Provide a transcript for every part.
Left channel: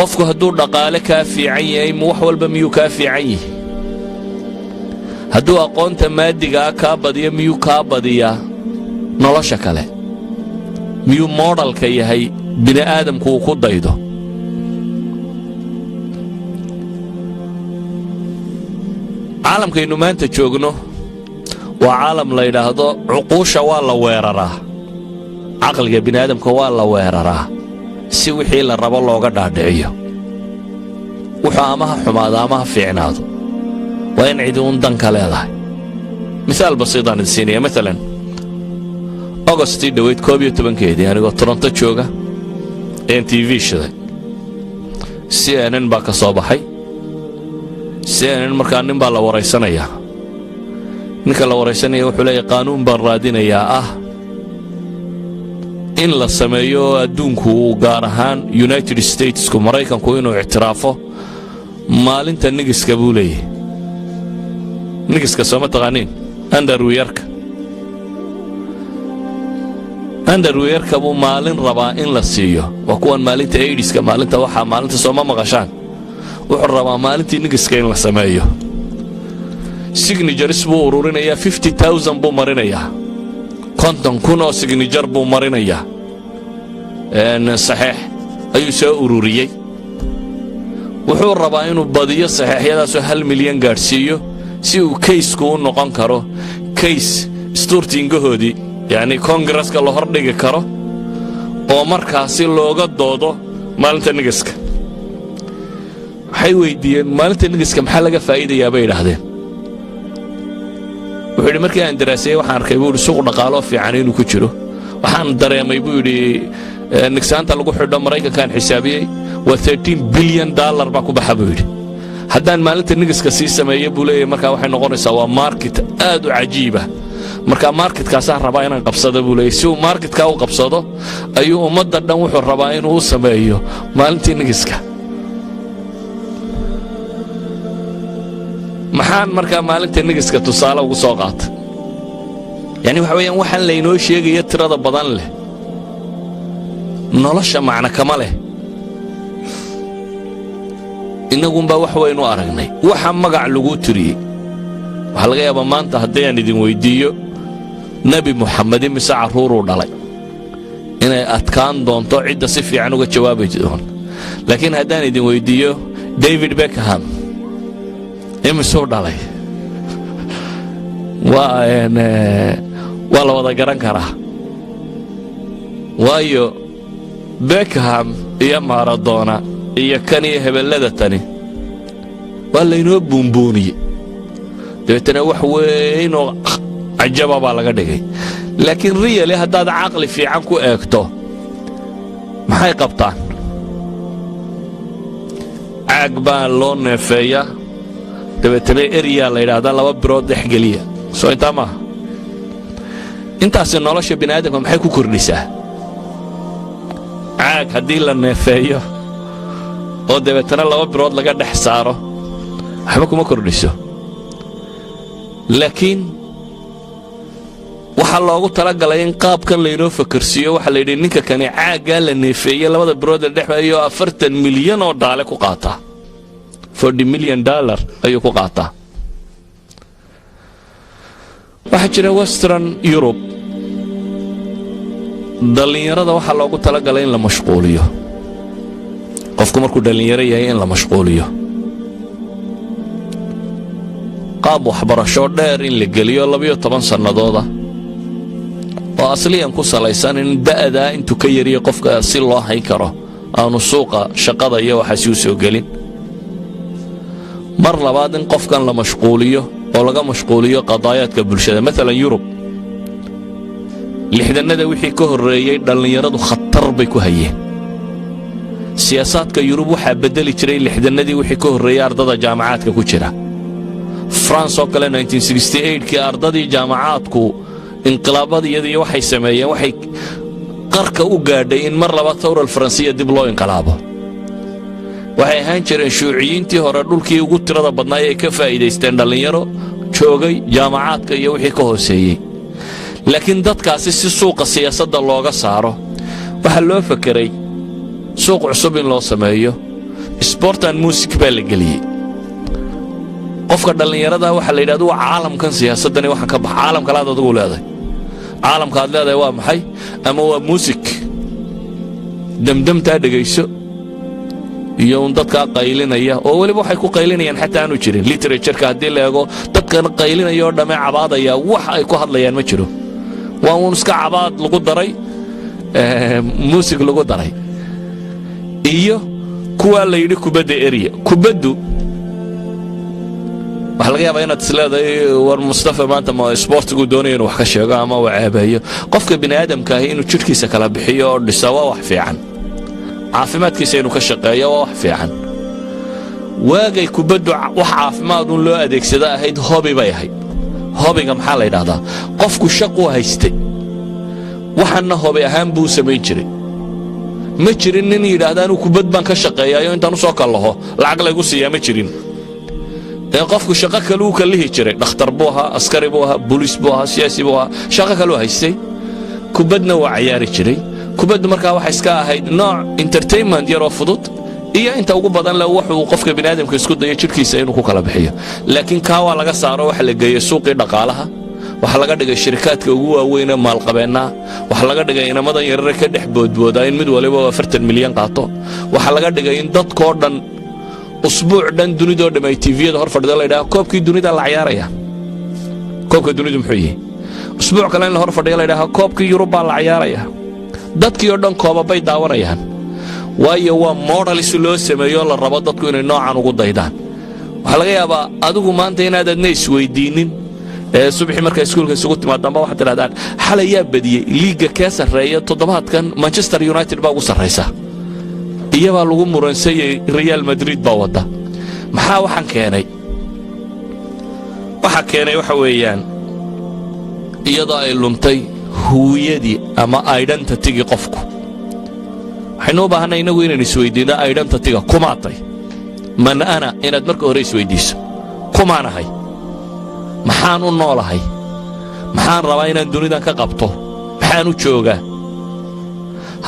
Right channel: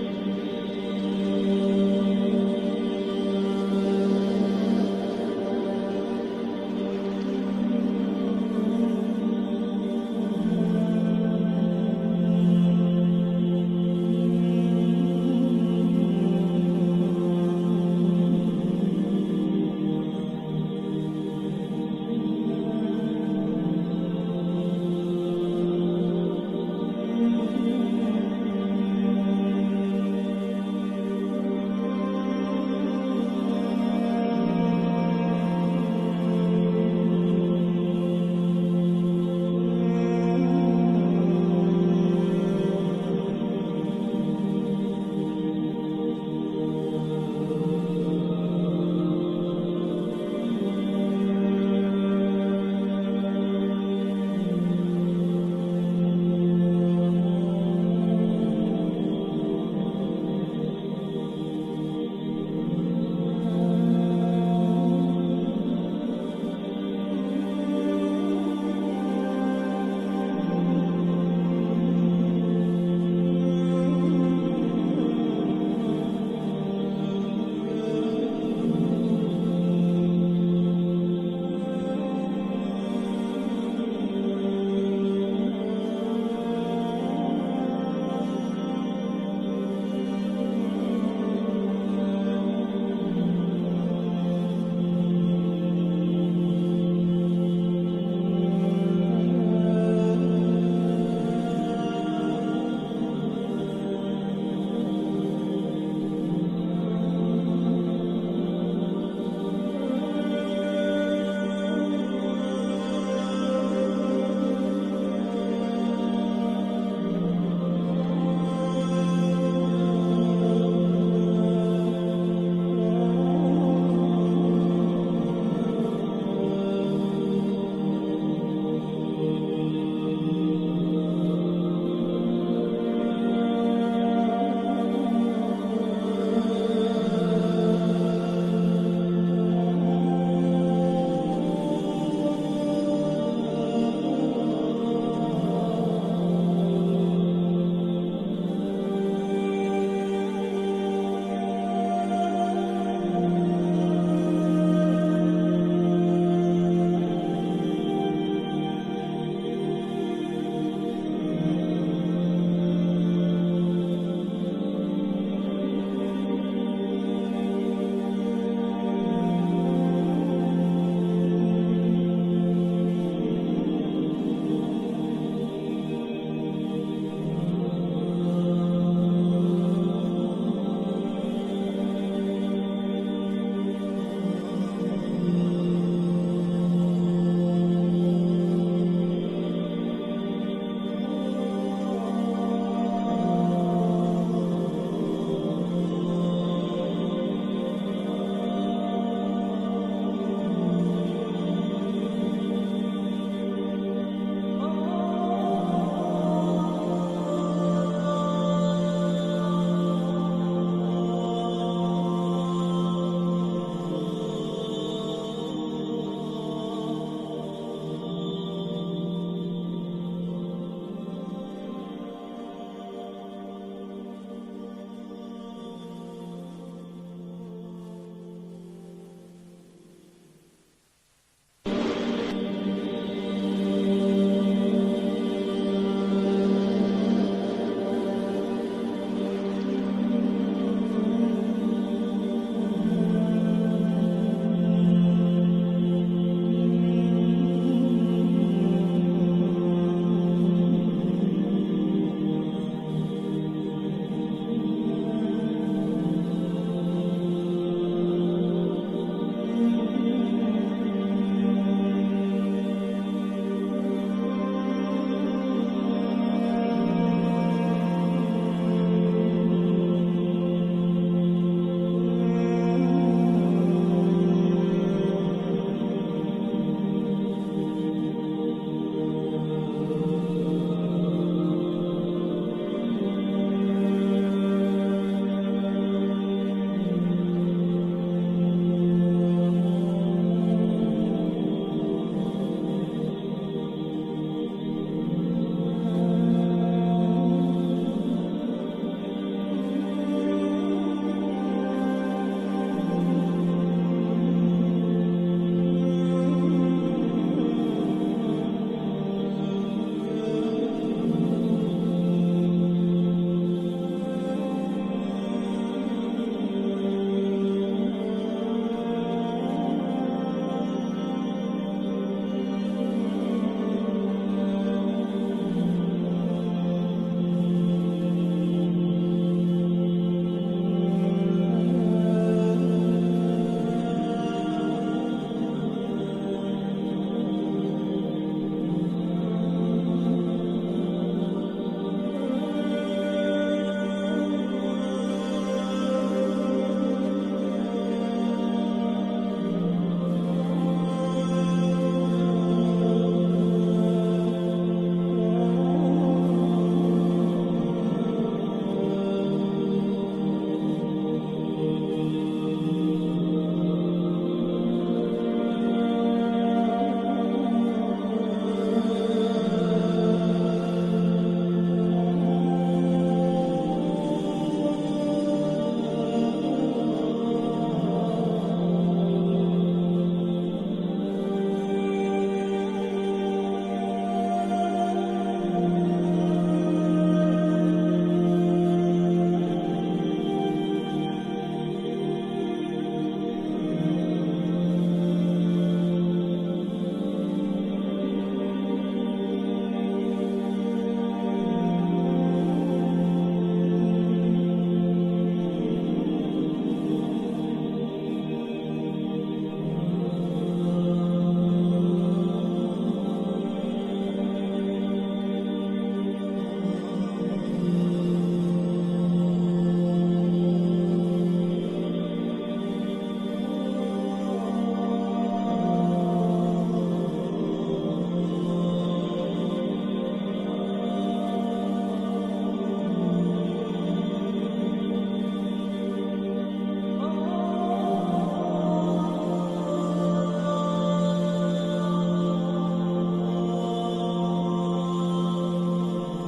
qofku hadduu dhaqaale kaa fiican yahay wax walba miyuu kaa fiican yahay hadduu aqoonta maadigaa kaa badiyo miyuu kaa badiyaa nolosha kale miyuu moodhalka yahay bini aadamku uu ku daydo caalamkaynu maanta joogno waa caalam la yidhaahdo cuquusha waa la weeraraa caqliga bini aadamka waa la weeraraa si wixii la rabo looga dhaadhiciyo wuxuu amaha xumaado amaha fiicnaado waa in cidi uun danka leedahay misaal basiidaan idin siinaya maalan ogostii dhoweyd 11keedii anigoo toronto jooga een tv shiday CNN baa ka soo baxay CNN markaa nin baa la waraysanayaa ninka la waraysanaya wuxuu leeyahay qaanuun baan raadinayaa in la sameeyo adduunku gaar ahaan United Statesku Maraykanku inuu ictiraafo maalinta nigiska buu leeyahay nigiska soo ma taqaaniin underwearka buu maalin rabaa in la siiyo waa kuwan maalinta AIDSka maalinta waxaa maalinta soo ma maqashaan wuxuu rabaa maalintii nigiska in la sameeyo signatures buu ururinayaa 50,000 buu marinayaa 50,000 oo signature buu marinayaa saxiix ayuu soo ururiyey wuxuu rabaa inuu badiyo saxiixyadaasoo 1 milyan gaadhsiiyo si uu kaysku u noqon karo kays isturtiingahoodii yacni koongreska la hordhigi karo oo markaasi looga doodo maalinta nigiska waxay weydiiyeen maalinta nigiska maxaa laga faa'iidayaa bay yidhaahdeen wuxuu yidhi markii aan daraasayey waxaan arkay buu yidhi suuq dhaqaaloo fiican inuu ku jiro waxaan dareemay buu yidhi nigsaanta lagu xidho maraykankaan xisaabiyey waa $13 bilyan baa ku baxa buu yidhi haddaan maalinta nigiska sii sameeyo buu leeyahay markaa waxay noqonaysaa waa market aad u cajiiba markaa marketkaasaan rabaa inaan qabsado buu leeyahay si uu marketkaa u qabsado ayuu ummadda dhan wuxuu rabaa inuu u sameeyo maalintii nigiska maxaan markaa maalinta nigiska tusaale ugu soo qaata yani waxa weeyaan waxaan laynoo sheegaya tirada badan leh nolosha macna kama leh innagunbaa wax waynu aragnay waxa magac lagu tiriyey waxaa laga yaabaa maanta haddii aan idin weyddiiyo nebi muxamed imise carruuruu dhalay inay adkaan doonto cidda si fiican uga jawaabi doon laakiin haddaan idin weyddiiyo David Beckham imisuu dhalay waa la wada garan karaa waayo Beckham iyo Maradona iyo kan iyo hebellada tani waa laynoo buunbuuniyey dabeetana wax weynoo cajaba baa laga dhigay laakiin riyali haddaad caqli fiican ku eegto maxay qabtaan caag baa loo neefeeyaa dabeetana eryaa la yidhaahdaa 2 birood dhexgeliya soo intaa maaha intaasi nolosha bini aadamka maxay ku kordhisaa caag haddii la neefeeyo oo dabeetana 2 birood laga dhex saaro waxba kuma kordhiso laakiin waxaa loogu talagalay in qaabkan laynoo fakarsiiyo waxaa layidhi ninka kani caaggaa la neefeeyey 2 birood la dhexeeyo $40 milyan oo dhaale ku qaataa $40 million ayuu ku qaataa waxaa jira Western Europe dhallinyarada waxaa loogu talagalay in la mashquuliyo qofku markuu dhallinyaro yahay in la mashquuliyo qaab waxbarasho dheer in la geliyo 12 sannadooda oo asliyan ku salaysan in da'da intuu ka yariyo qofka si loo hayn karo aanu suuqa shaqada iyo waxaasi u soo gelin mar labaad in qofkan la mashquuliyo oo laga mashquuliyo qadaayaadka bulshada maalan Yurub lixdanada wixii ka horreeyay dhallinyaradu khatar bay ku hayeen siyaasadka Yurub waxaa bedeli jiray lixdanadii wixii ka horreeyay ardada jaamacaadka ku jira France oo kale 1968kii ardadii jaamacaadku inqilaabadii waxay sameeyeen waxay qarka u gaadhay in mar labaad thawra Faransiya dib loo inqilaabo waxay ahaan jireen shuuciyiintii hore dhulkii ugu tirada badnaa ee ka faa'iideysteen dhalinyaro joogay jaamacaadka iyo wixii ka hooseeyay laakiin dadkaasi si suuqa siyaasadda looga saaro waxa loo fakiray suuq cusub in loo sameeyo sport and music baa la geliyey qofka dhallinyarada waxa la yidhahdo waa caalamkan siyaasadani waxaan ka bax caalam kale aad adigu leedahay caalamka aad leedahay waa maxay ama waa music damdamtaa dhegayso iyo dadka qaylinaya oo waliba waxay ku qaylinayaan xataa aanu jirin literature-ka haddii la eego dadkan qaylinaya oo dhamme cabaadaya wax ay ku hadlayaan ma jiro waa uun iska cabaad lagu daray music lagu daray iyo kuwa la yidhi kubadda area kubaddu waxa laga yaabaa inaad isleedahay war Mustafa maanta ma sportigu doonayo inuu wax ka sheego ama uu ceebeeyo qofka bini aadamka ah inuu jidhkiisa kala bixiyo oo dhiso waa wax fiican caafimaadkiisa inuu ka shaqeeyo waa wax fiican waagay kubaddu wax caafimaad uu loo adeegsada ahayd hobby bay ahayd hobbyga maxaa la yiraahdaa qofku shaqo haystay waxana hobby ahaan buu sameyn jiray ma jirin nin yiraahdo kubad baan ka shaqeeyayo intaan soo kalaho lacag lagu siiyaa ma jirin qofku shaqo kale uu ka lihi jiray dhakhtar buu ahaa askari buu ahaa booliis buu ahaa siyaasi buu ahaa shaqo kale uu haystay kubadna waa ciyaari jiray kubaddu markaa waxa iska ahayd nooc entertainment yar oo fudud iyo inta ugu badan la wuxuu qofka bini aadamka isku dayo jirkiisa inuu ku kala bixiyo laakiin ka waa laga saaro waxa la geeyo suuqii dhaqaalaha waxa laga dhigay shirkadka ugu waaweyn ee maalqabeena waxa laga dhigay inamadan yaryar ka dhex boodbooda in mid waliba 40 milyan qaato waxa laga dhigay in dadkoo dhan usbuuc dhan dunida oo dhamay TV-yada hor fadhida la yiraahdo koobkii dunida la ciyaaraya koobka dunida muxuu yahay usbuuc kale in la hor fadhiyo la yiraahdo koobkii Yurub la ciyaaraya dadkii oo dhan kooba bay daawanayaan waayo waa model si loo sameeyo la rabo dadku inay noocan ugu daydaan waxa laga yaabaa adigu maanta inaad adna isweydiinin subaxii markay iskuulka isugu timaadaan waxaad tirahdaan xalay yaa badiyay liiga ka sareeya toddobaadkan Manchester United baa ugu sareysa iyaba lagu muransayay Real Madrid baa wada maxaa waxaan keenay waxa weeyaan iyadoo ay luntay huwiyadii ama identity-gi qofku waxaynu u baahanay inagu inaan isweydiino identity-ga kumaatay man ana inaad marka hore isweydiiso kumaanahay maxaan u noolahay maxaan rabaa inaan dunidan ka qabto maxaan u joogaa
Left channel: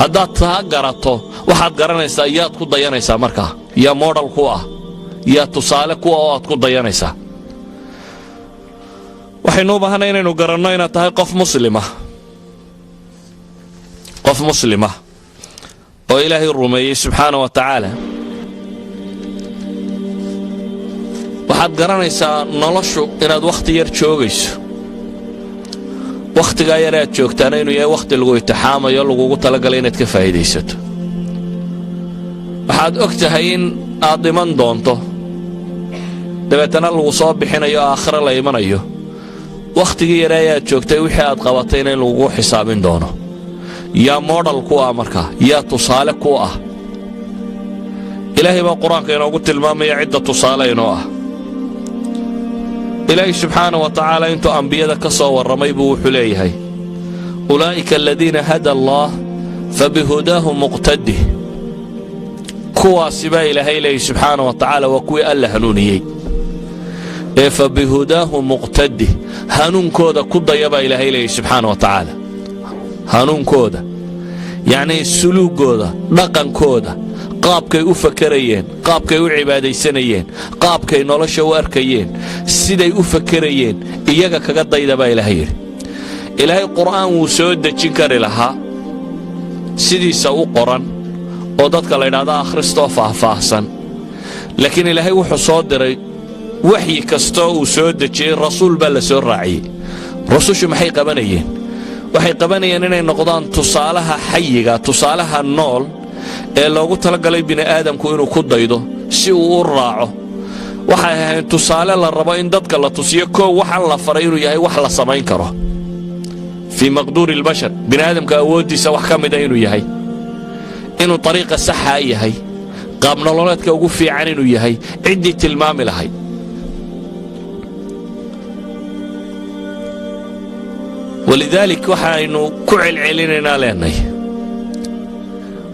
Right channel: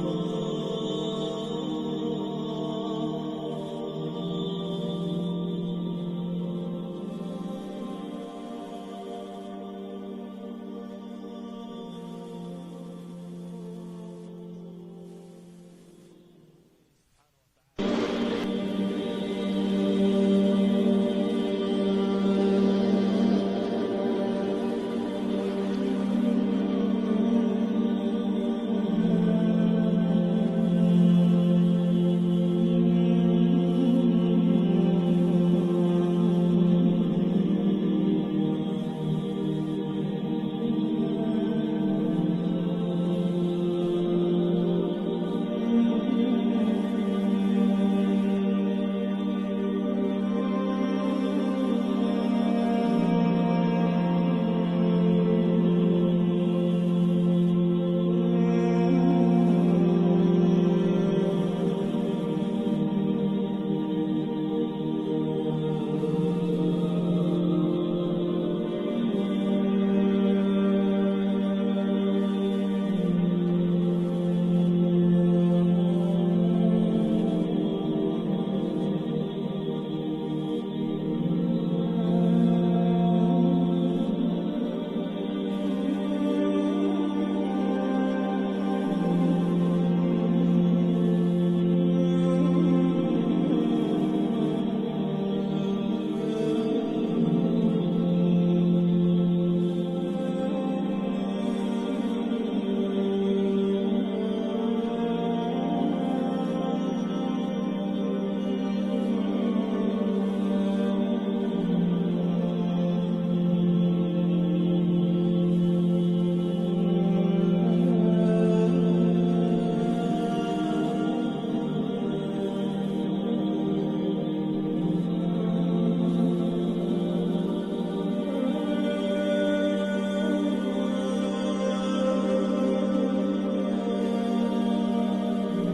haddaad taa garato waxaad garanaysaa yaad ku dayanaysaa markaa yaa model ku ah yaa tusaale ku ah oo aad ku dayanaysaa waxaynu u baahanay inaynu garanno inaad tahay qof muslima oo ilaahay rumeeyey subxaanahu wa tacaala waxaad garanaysaa noloshu inaad wakhti yar joogayso wakhtigaa yar aad joogtaana inuu yahay wakhti lagu itixaamayo lagugu talagalay inaad ka faa'iidaysato waxaad og tahay in aad dhiman doonto dabeetana lagu soo bixinayo aakhira la imanayo wakhtigii yar ayaad joogtay wixii aad qabatayna in lagugu xisaabin doono yaa model ku ah markaa yaa tusaale ku ah ilaahay baa qur-aanka inoogu tilmaamaya cidda tusaale inoo ah ilaahay subxaanahu wa tacaala intuu ambiyada ka soo warramay buu wuxuu leeyahay ulaa'ika aladiina hada allah fabihudaahu muqtadih kuwaasi baa ilaahay leeyahay subxaanahu wa tacaala waa kuwii alla hanuuniyey ee fabihudaahu muqtadih hanuunkooda ku daya baa ilaahay leeyahay subxaanahu wa tacaala hanuunkooda yacni suluugooda dhaqankooda qaabkay u fakarayeen qaabkay u cibaadaysanayeen qaabkay nolosha u arkayeen siday u fakarayeen iyaga kaga dayda baa ilaahay yidhi ilaahay qur'aan wuu soo dejin kari lahaa sidiisa u qoran oo dadka la yidhaahdo akhristoo faahfaahsan laakiin ilaahay wuxuu soo diray waxyi kastoo uu soo dejiyey rasuul baa la soo raaciyey rusushu maxay qabanayeen waxay qabanayeen inay noqdaan tusaalaha xayiga tusaalaha nool ee loogu talagalay bini aadamku inuu ku daydo si uu u raaco waxay ahayd tusaale la rabo in dadka la tusiyo koow waxaan la faray inuu yahay wax la samayn karo fii maqduuri albashar bini aadamka awooddiisa wax ka mida inuu yahay inuu ariiqa saxa yahay qaab nololeedka ugu fiican inuu yahay ciddii tilmaami lahayd walidaalika waxaynu ku celcelinaynaa leenahay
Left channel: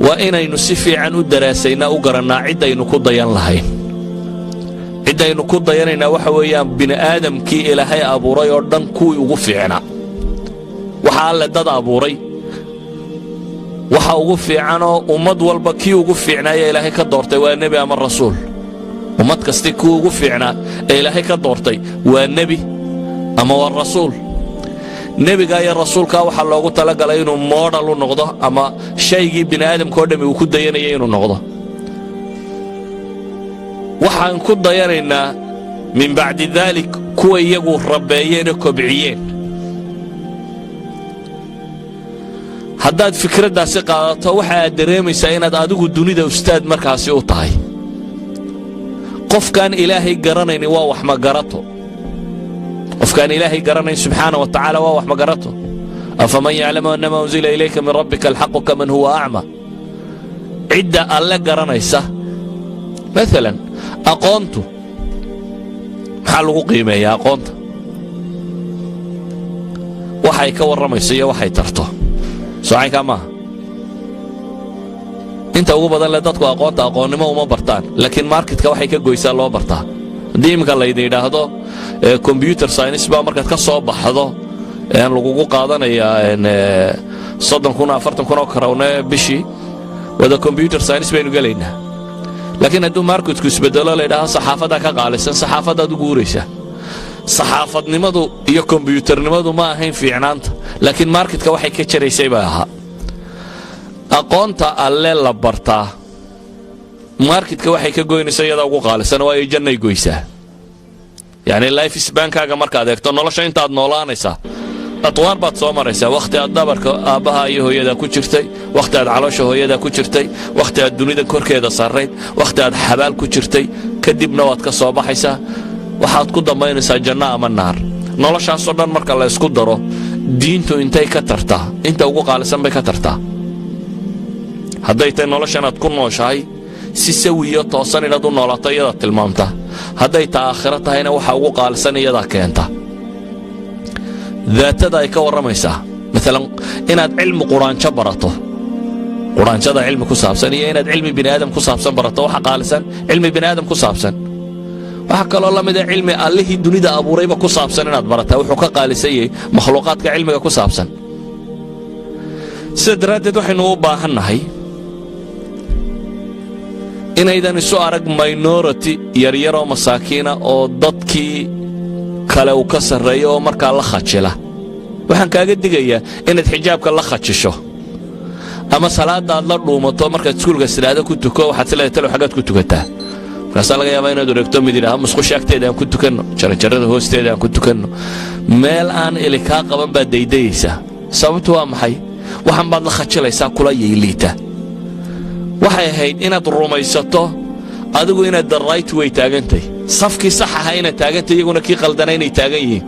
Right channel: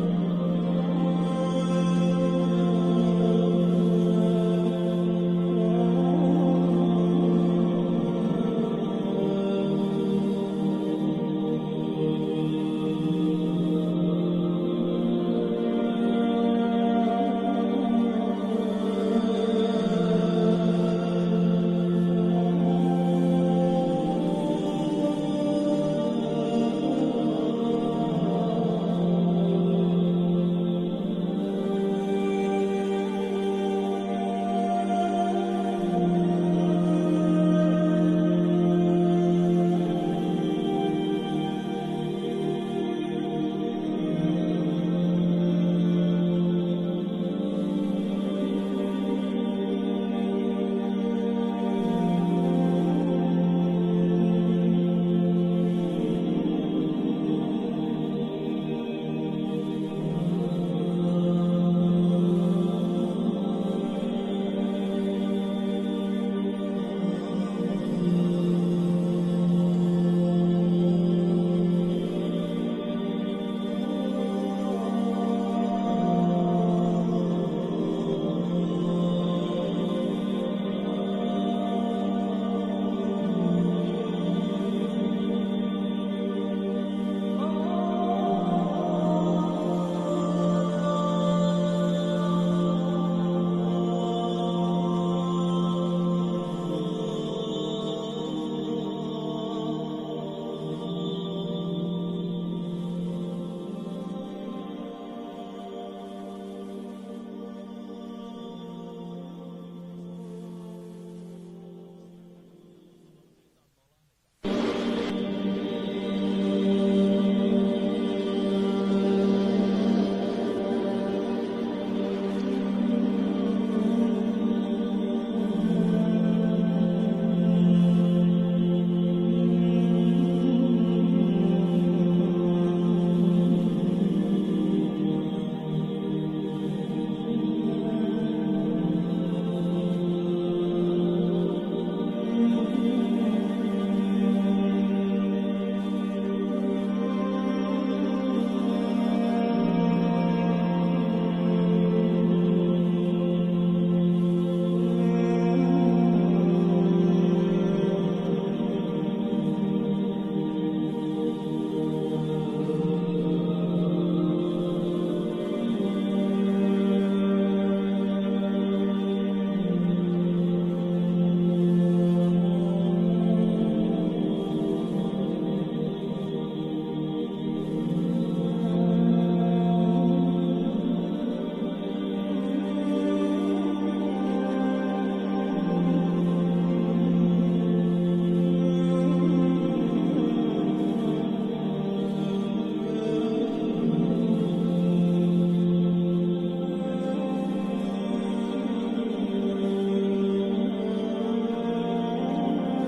waa inaynu si fiican u daraasaynaa u garannaa ciddaynu ku dayan lahayn ciddaynu ku dayanaynaa waxa weeyaan bini aadamkii ilaahay abuuray oo dhan kuwii ugu fiicnaa waxa alle dad abuuray waxa ugu fiicanoo ummad walba kii ugu fiicnaaya ilaahay ka doortay waa nebi ama rasuul ummad kasti kii ugu fiicnaa ee ilaahay ka doortay waa nebi ama waa rasuul nebiga iyo rasuulka waxaa loogu talagalay inuu moodal u noqdo ama shaygii bini aadamka oo dhammi uu ku dayanaya inuu noqdo waxaan ku dayanaynaa min bacdi daalik kuwa iyagu rabbeeyeenoo kobciyeen haddaad fikraddaasi qaadato waxa aad dareemaysaa inaad adigu dunida ustaad markaasi u tahay qofkaan ilaahay garanaynin waa wax magarato qofkaan ilaahay garanayn subxaana wa tacaala waa wax magarato afaman yaclamu annama unzila ilayka min rabbika alxaqu kaman huwa acma cidda alle garanaysa maalan aqoontu maxaa lagu qiimeeyaa aqoonta waxay ka warramayso iyo waxay tarto soocaykaa maaha inta ugu badan le dadku aqoonta aqoonnimo uma bartaan laakiin marketka waxay ka goysaa loo bartaa haddii iminka laydin yidhaahdo combyuter science baa markaad ka soo baxdo lagugu qaadanayaa $30,000 oo karawne bishii wada combyuter science baynu gelaynaa laakiin hadduu marketku isbedelo laydhaahdo saxaafaddaa ka qaalisan saxaafaddaad u guuraysaa saxaafadnimadu iyo kombyuuternimadu ma ahayn fiicnaanta laakiin marketka waxay ka jaraysay baa ahaa aqoonta alle la bartaa marketka waxay ka goynaysaa iyada ugu qaalisan oo ay jannay goysaa yacni life sbankaaga markaad eegto nolosha intaad noolaanaysaa adwaar baad soo maraysaa wakhti aad dabarka aabbaha iyo hooyadaa ku jirtay wakhti aad caloosha hooyadaa ku jirtay wakhti aad dunida korkeeda sarrayd wakhti aad xabaal ku jirtay kadibna waad ka soo baxaysaa waxaad ku dambaynaysaa janno ama naar noloshaasoo dhan marka la isku daro diintu intay ka tartaa inta ugu qaalisan bay ka tartaa hadday tahay noloshanaad ku nooshahay si sawiyo toosan inaad u noolaato iyadaa tilmaamta hadday ta aakhiro tahayna waxa ugu qaalisan iyadaa keenta daatada ay ka warramaysaa maalan inaad cilmi quraanjo barato quraanjada cilmi ku saabsan iyo inaad cilmi bini aadam ku saabsan barato waxa qaalisan cilmi bini aadam ku saabsan waxa kaloo la mid ah cilmi allihii dunida abuurayba ku saabsan inaad barataa wuxuu ka qaalisan yahay makhluuqaadka cilmiga ku saabsan sida daraaddeed waxaynu u baahannahay inaydan isu arag minority yaryaroo masaakiina oo dadkii kale uu ka sarreeyo oo markaa la khajila waxaan kaaga digayaa inaad xijaabka la khajisho ama salaadda aad la dhuumato markaad iskuulka sidaada ku tuko waxaad sileedahay talow xaggaad ku tukataa markaasaa laga yaabaa inaad wareegto mid yidhaaha musqusha agteeda aan ku tukanno jaranjarrada hoosteeda aan ku tukanno meel aan eli kaa qaban baad daydayaysaa sababtu waa maxay waxaan baad la khajilaysaa kula yeeliita waxay ahayd inaad rumaysato adigu inaad the right way taagantay safkii sax aha inaad taagantay iyaguna kii qaldana inay taagan yihiin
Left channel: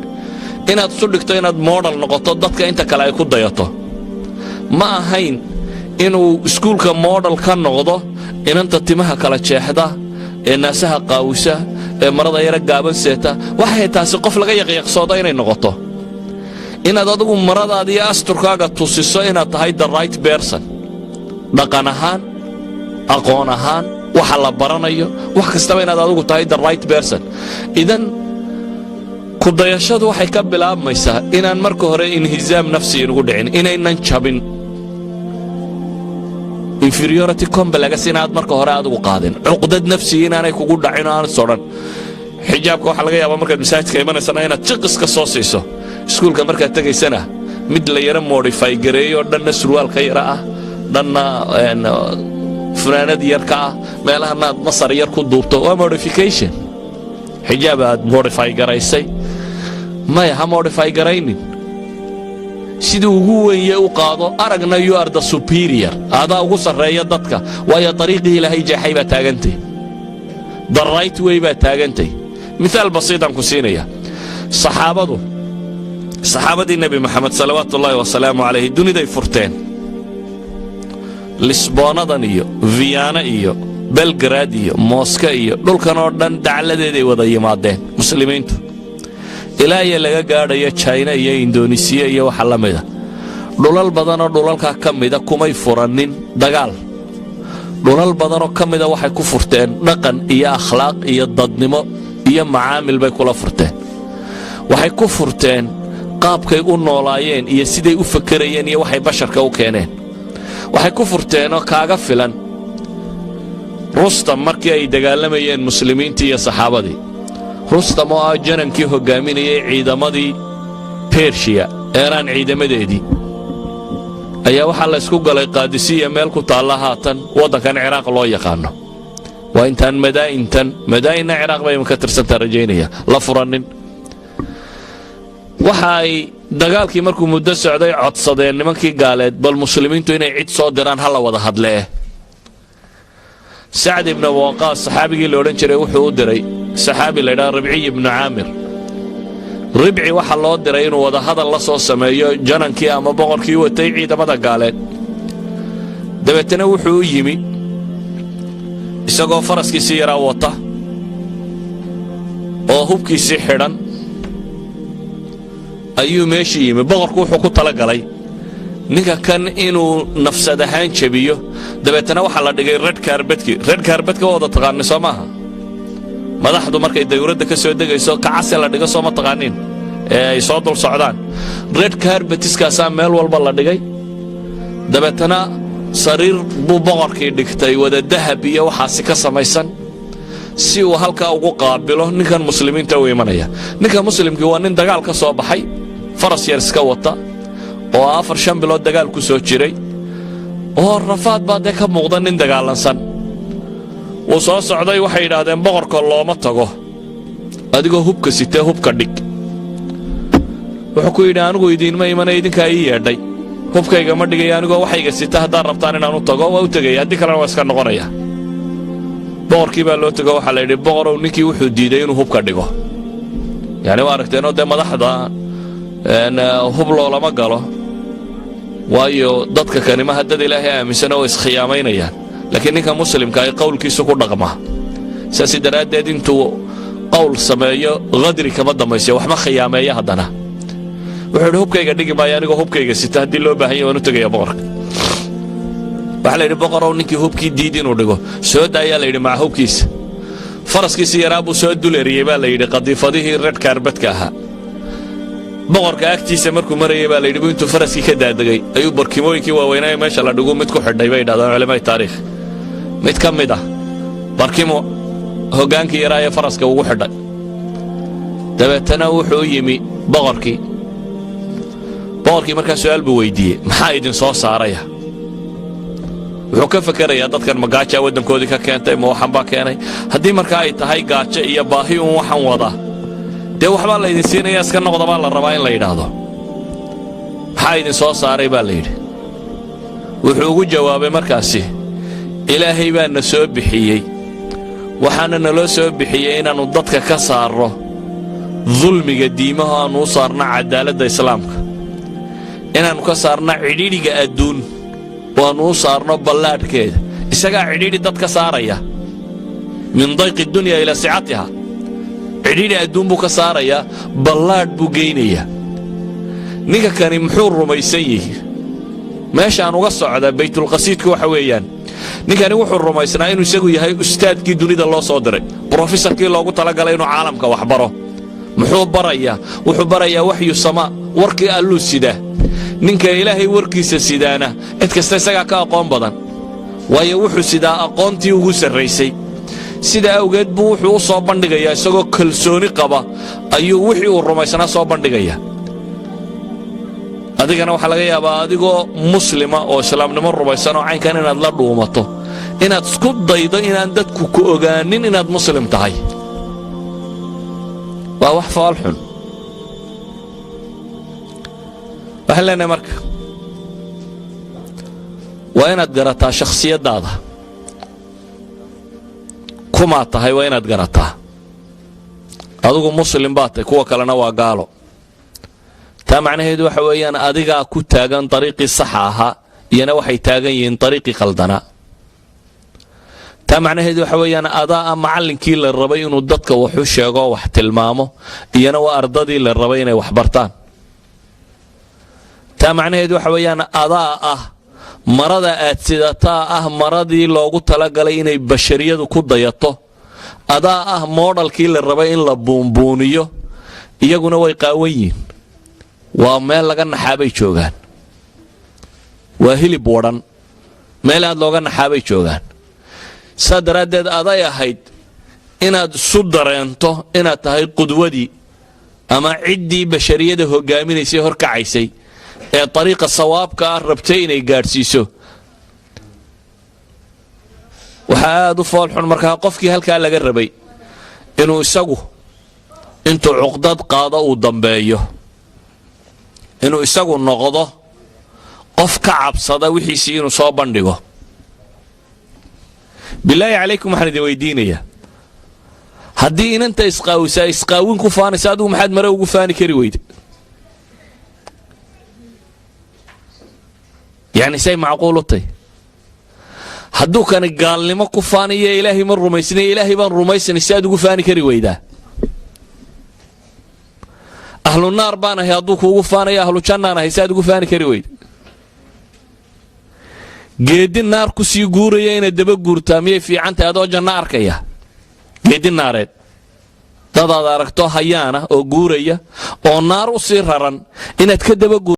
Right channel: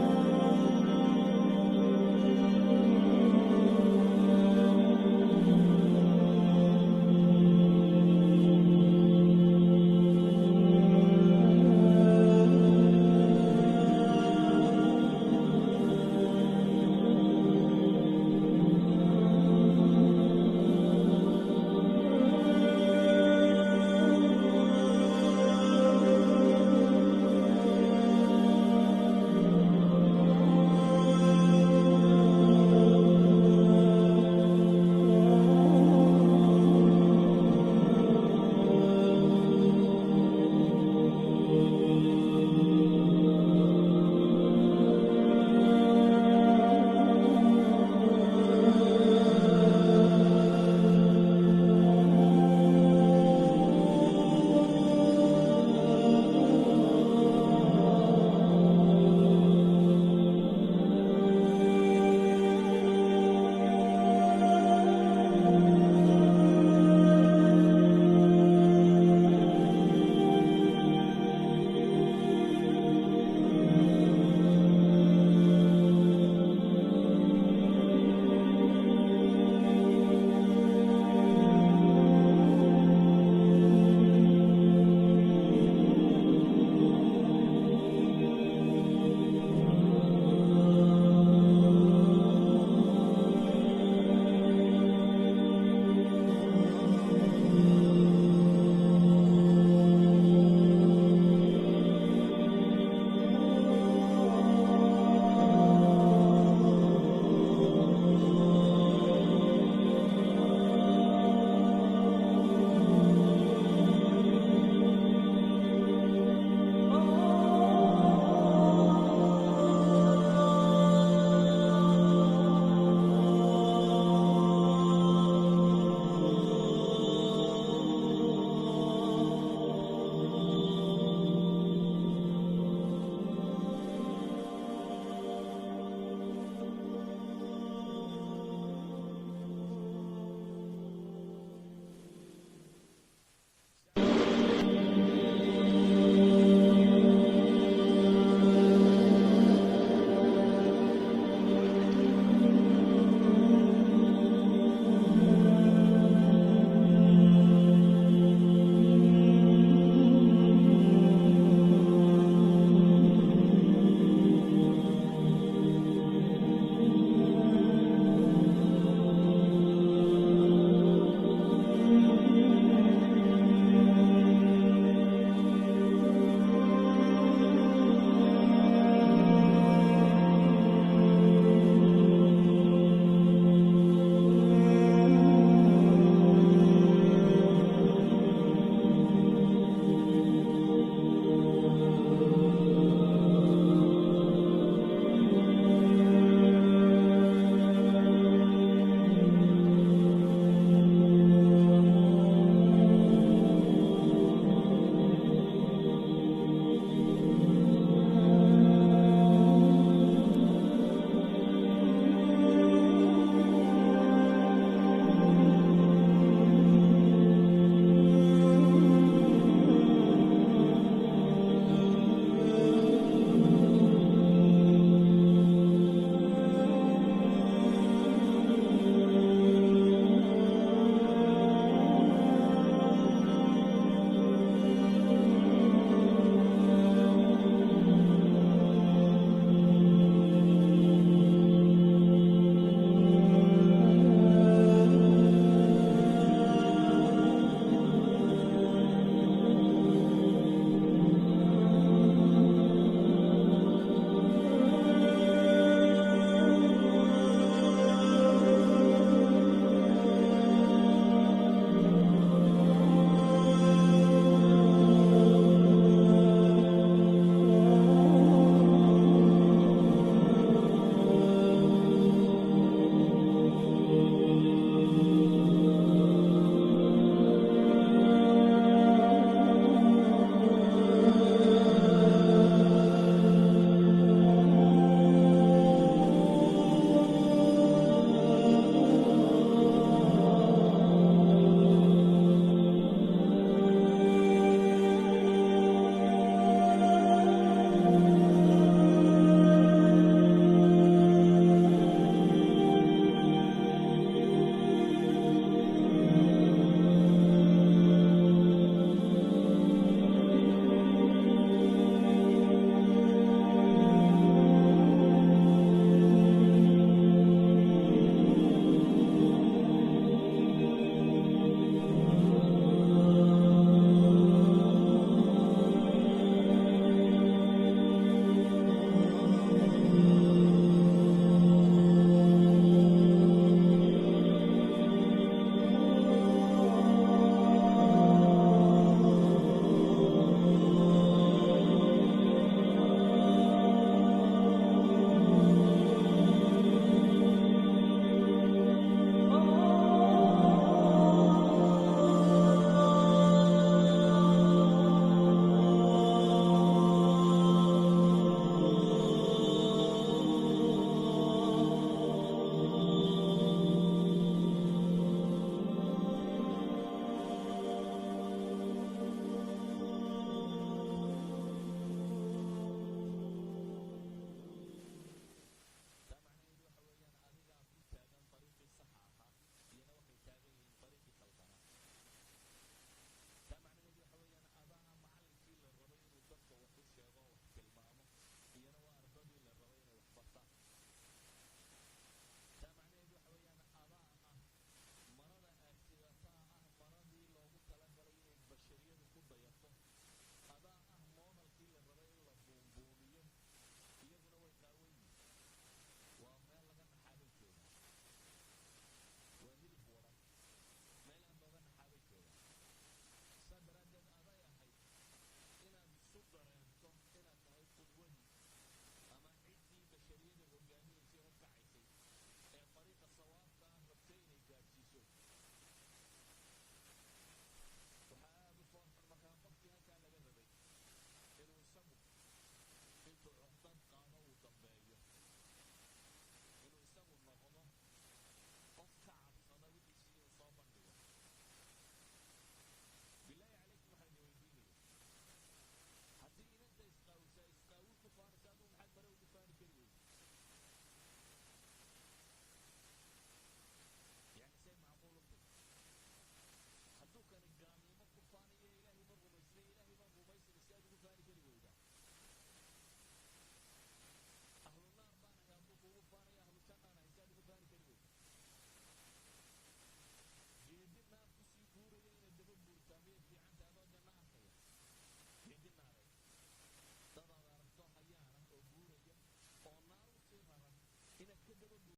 inaad isu dhigto inaad moodal noqoto dadka inta kale ay ku dayato ma ahayn inuu iskuulka moodal ka noqdo inanta timaha kala jeexda ee naasaha qaawisa ee marada yara gaaban seeta waxay taasi qof laga yaqyaqsooda inay noqoto inaad adigu maradaada iyo asturkaaga tusiso inaad tahay the right person dhaqan ahaan aqoon ahaan waxa la baranayo wax kastaba inaad adigu tahay the right person idan ku dayashadu waxay ka bilaabmaysaa inaan marka hore inhizaam nafsi inugu dhicin inaynan jabin inferiority complex inaad marka hore adigu qaadin cuqdad nafsi inaanay kugu dhacin oo aan sodhan xijaabka waxaa laga yaabaa markaad masaajidka imanaysana inaad jiqiska soo siiso iskuulka markaad tegaysana mid la yara modify gareeyo dhanna surwaalka yara ah dhanna funaanad yarka ah meelahanaad masar yar ku duubto waa modification xijaab aad modify garaysay maya ha modify garaynin siduu ugu weeye u qaado aragna you are the superior adaa ugu sarreeya dadka waayo dariiqii ilaahay jeexay baa taagantay the right way baa taagantay miaal basiitaan ku siinaya saxaabadii nebi moxamed salawaatu ullaahi wasalaamu calayhi duniday furteen lisboonadan iyo viyaana iyo belgrad iyo mooska iyo dhulkan oo dhan dacladeeday wada yimaadeen muslimiintu ilaa iyo laga gaadhayo jayna iyo indonesiya iyo waxa la mida dhulal badanoo dhulalkaa ka mida kumay furanin dagaal dhulal badanoo ka mida waxay ku furteen dhaqan iyo akhlaaq iyo dadnimo iyo macaamil bay kula furteen waxay ku furteen qaabkay u noolaayeen iyo siday u fakerayeen iyo waxay basharka u keeneen waxay ku furteen oo kaaga filan rustam markii ay dagaalamayeen muslimiintii iyo saxaabadii. rustam oo ah janankii hogaaminayay ciidamadii bershiya eeraan ciidamadeedii ayaa waxaa la isku galay qaadisiya meel ku taalla haatan waddankan ciraaq loo yaqaano. waa intaan madaa'inna ciraaq bay ka tirsantaa rajaynaya la furanin. waxa ay dagaalkii markuu muddo socday codsadeen nimankii gaaleed bal muslimiintu inay cid soo diraan ha la wada hadlee. sacd ibn waqaas saxaabigii la odhan jiray wuxuu u diray saxaabi la ydhaha ribciy ibnu caamir. ribci waxaa loo diray inuu wada hadal la soo sameeyo janankii ama boqorkii watay ciidamada gaaleed. dabeetana wuxuu u yimi isagoo faraskiisii yaraa wata oo hubkiisii xidhan ayuu meeshii yimi. boqorku wuxuu ku tala galay ninka kan inuu nafsad ahaan jebiyo. dabeetana waxaa la dhigay red kaarbadka wada taqaani soo maaha. madaxdu markay dawladda ka soo degayso kacase la dhigo soo ma taqaanin ee ay soo dul socdaan. red kaarbatiskaasaa meel walba la dhigay. dabeetana sariir buu boqorkii dhigtay wada dahab iyo waxaasi ka samaysan si uu halkaa ugu qaabilo ninkan muslimiinta u imanaya. ninka muslimkii waa nin dagaal ka soo baxay, faras yar iska wata oo 4-5 bilood dagaal ku soo jiray oo rafaad baa dee ka muuqda nin dagaalansan. wuu soo socday waxay yidhaahdeen boqorka looma tago adigoo hubka sitee hubka dhig. wuxuu ku yidhi anigu idiinma imana idinkaa ii yeedhay, hubkayga ma dhigaya anigoo waxayga sita haddaad rabtaan inaan u tago waa u tegaya, haddii kalena waa iska noqonaya. boqorkii baa loo tego waxaa la yidhi boqorow ninkii wuxuu diiday inuu hubka dhigo. yani waa aragteenoo dee madaxda hub loolama galo waayo dadka kanimaha dad ilaahay aaminsan oo iskhiyaamaynayaan. laakiin ninka muslimka ay qowlkiisu ku dhaqmaa. saasi daraaddeed intuu qowl sameeyo qadri kama dambaysiyo waxma khiyaameeya. haddana wuxuu yidhi hubkayga dhigi maayo anigoo hubkayga sita haddii loo baahan yahy waan u tegaya boqorka. waxaa la yidhi boqorow ninkii hubkii diid inuu dhigo soo daayaa la yidhi maca hubkiisa. faraskiisii yaraa buu soo duleriyey baa la yidhi qadiifadihii red kaarbadka ahaa. boqorka agtiisa markuu marayay baa la yidhi intuu faraskii ka daadegay ayuu barkimooyinkii waaweynaaye meesha la dhigu mid ku xidhay bay yidhahdaan culamada taariikh. mid ka mid ah barkimo hoggaankii yaraa ee faraska ugu xidhay. dabeetana wuxuu yimi boqorkii markaa su'aal buu weydiiyey maxaa idin soo saaraya. wuxuu ka fakerayaa dadkan ma gaajaa waddankoodii ka keentay ma waxan baa keenay. haddii markaa ay tahay gaajo iyo baahi uun waxan wada dee waxbaa laydin siinaya iska noqda baa la rabaa in la yidhaahdo. maxaa idin soo saaray baa la yidhi. wuxuu ugu jawaabay markaasi ilaahay baa na soo bixiyey waxaana naloo soo bixiyey inaannu dadka ka saarro dulmiga diimaha aannu u saarna cadaaladda islaamka, inaannu ka saarna cidhiidhiga adduun oo aannu u saarno ballaadhkeeda. isagaa cidhiidhi dad ka saaraya min dayqi dunya ilaa sicatiha. cidhiidhi adduun buu ka saarayaa, ballaadh buu geynayaa. ninka kani muxuu rumaysan yihi meeshaan uga socda baytulqasiidka waxa weeyaan ninkani wuxuu rumaysnaa inuu isagu yahay ustaadkii dunida loo soo diray, brofesorkii loogu talagalay inuu caalamka wax baro. muxuu barayaa? wuxuu barayaa waxyu samaa, warkii alluu sidaa. ninka ilaahay warkiisa sidaana cid kasta isagaa ka aqoon badan, waayo wuxuu sidaa aqoontii ugu sarraysay. sidaa awgeed buu wuxuu u soo bandhigayaa isagoo kalsooni qaba ayuu wixii uu rumaysnaa soo bandhigayaa. adigana waxaa laga yaabaa adigoo muslima oo islaamnimo rumaysan oo caynkan inaad la dhuumato, inaad isku daydo inaan dadku ku ogaanin inaad muslim tahay. waa wax faal xun. waxaan leenahay marka waa inaad garataa shakhsiyaddaada kumaa tahay. waa inaad garataa adigu muslim baa tahay, kuwa kalena waa gaalo. taa macnaheedu waxa weeyaan adigaa ku taagan dariiqii saxa ahaa, iyana waxay taagan yihiin dariiqii qaldanaa. taa macnaheedu waxa weeyaan adaa macallinkii la rabay inuu dadka wax u sheego wax tilmaamo, iyana waa ardadii la rabay inay wax bartaan. taa macnaheedu waxa weeyaan adaa marada aad sidataa maradii loogu talagalay inay bashariyadu ku dayato. adaa moodhalkii la rabay in la buunbuuniyo, iyaguna way qaawan yihiin. waa meel laga naxaabay joogaan, waa hilib wadhan meel aad looga naxaabay joogaan saa daraaddeed aday ahayd inaad isu dareento inaad tahay qudwadii ama ciddii bashariyada hogaaminaysay horkacaysay ee ariiqa sawaabka ah rabtay inay gaadhsiiso waxaa aad u foolxun markaa qofkii halkaa laga rabay inuu isagu intuu cuqdad qaado uu dambeeyo inuu isagu noqdo qof ka cabsada wixiisii inuu soo bandhigo bilaahi calaykum waxaan idin weydiinayaa haddii inanta isqaawisaa isqaawin ku faanaysa adigu maxaad mare ugu faani kari weyda yacni say macquul u tahy hadduu kani gaalnimo ku faanayo ilaahay ma rumaysnay ilaahay baan rumaysanay si aad ugu faani kari weydaa ahlu naar baan ahay hadduu kuugu faanayo ahlu jannaan ahay si aad ugu faani kari weyda geedi naar ku sii guuraya inaad daba guurtaa miyay fiicantahay adoo janno arkaya geedi naareed dadaad aragto hayaana oo guuraya oo naar u sii raran inaad ka daba guurtaa